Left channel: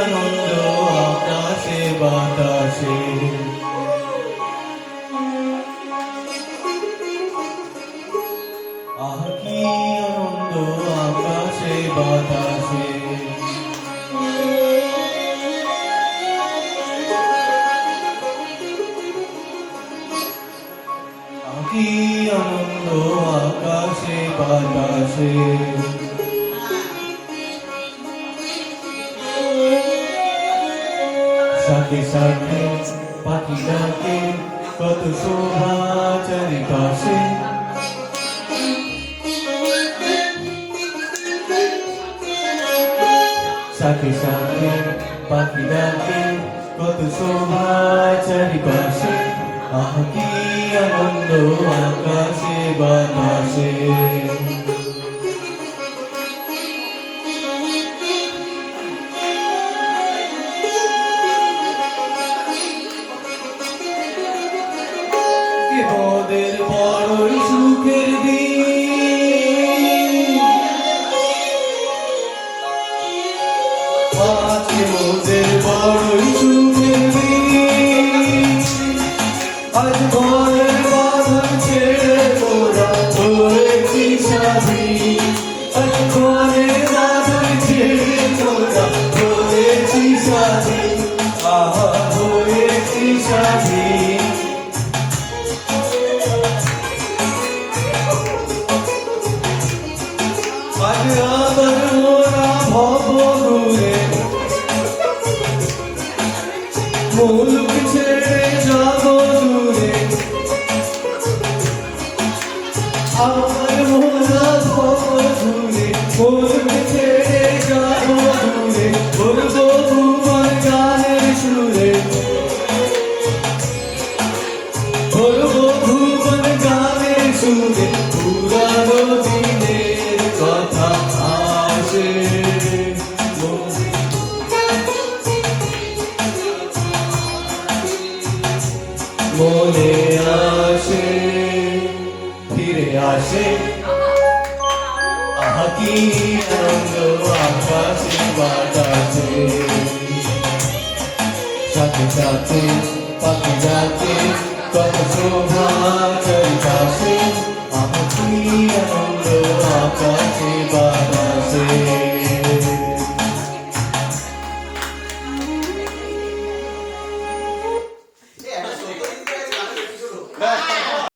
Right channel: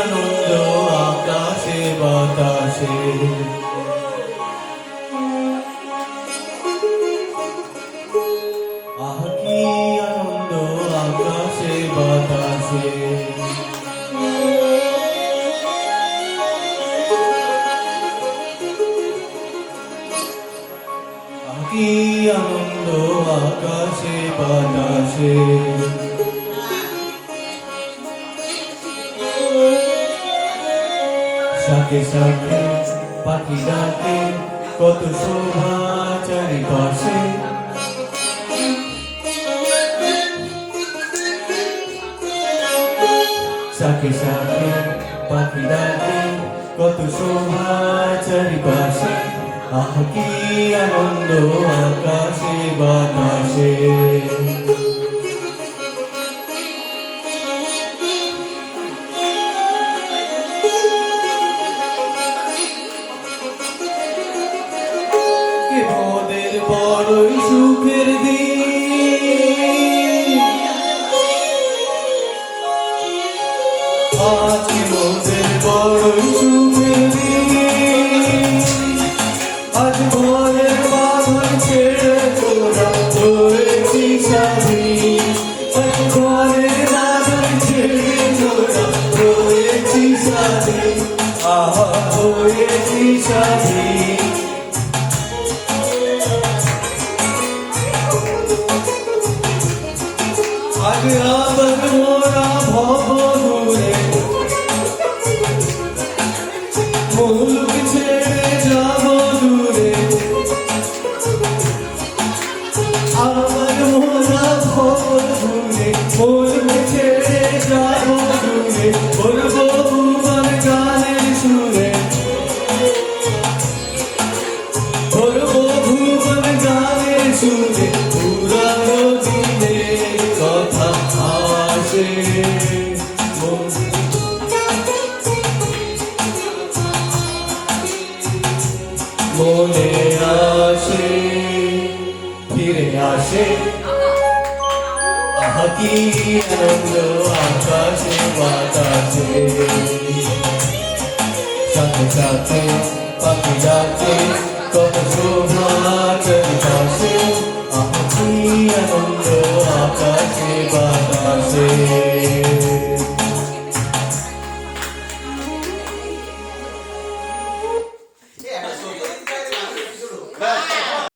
আনন্দ আকাশে বাতাসে, আহ কি আনন্দ আকাশে বাতাসে। কি আনন্দ আকাশে বাতাসে, সাথে সাথে পাখি ডাকে কত শোভা চারিপাশে, সাথে সাথে পাখি ডাকে কত শোভা চারিপাশে, আহ কি আনন্দ আকাশে বাতাসে। কে মোদের বড়ই সুখের দিন, আজকে মোদের বড়ই সুখের দিন, আজ ভোরের বাঁধন ছেড়ে তোরা হয়েছি স্বাধীন, আজ ভোরের বাঁধন ছেড়ে তোরা হয়েছি স্বাধীন, আহা হয়েছি স্বাধীন। আজ আবার মোরা ভবদূরে মুলুক ছেড়ে যাব দূরে, আবার মোরা ভবদূরে মুলুক ছেড়ে যাব দূরে, করবো ভুবন গানের সুরে, করবো ভুবন গানের সুরে, পুরানো দিনের কথা আসে মনে আসে, ফিরে আসে, আহ কি আনন্দ আকাশে বাতাসে, সাথে সাথে পাখি ডাকে কত শোভা চারিপাশে, আহ কি আনন্দ আকাশে বাতাসে।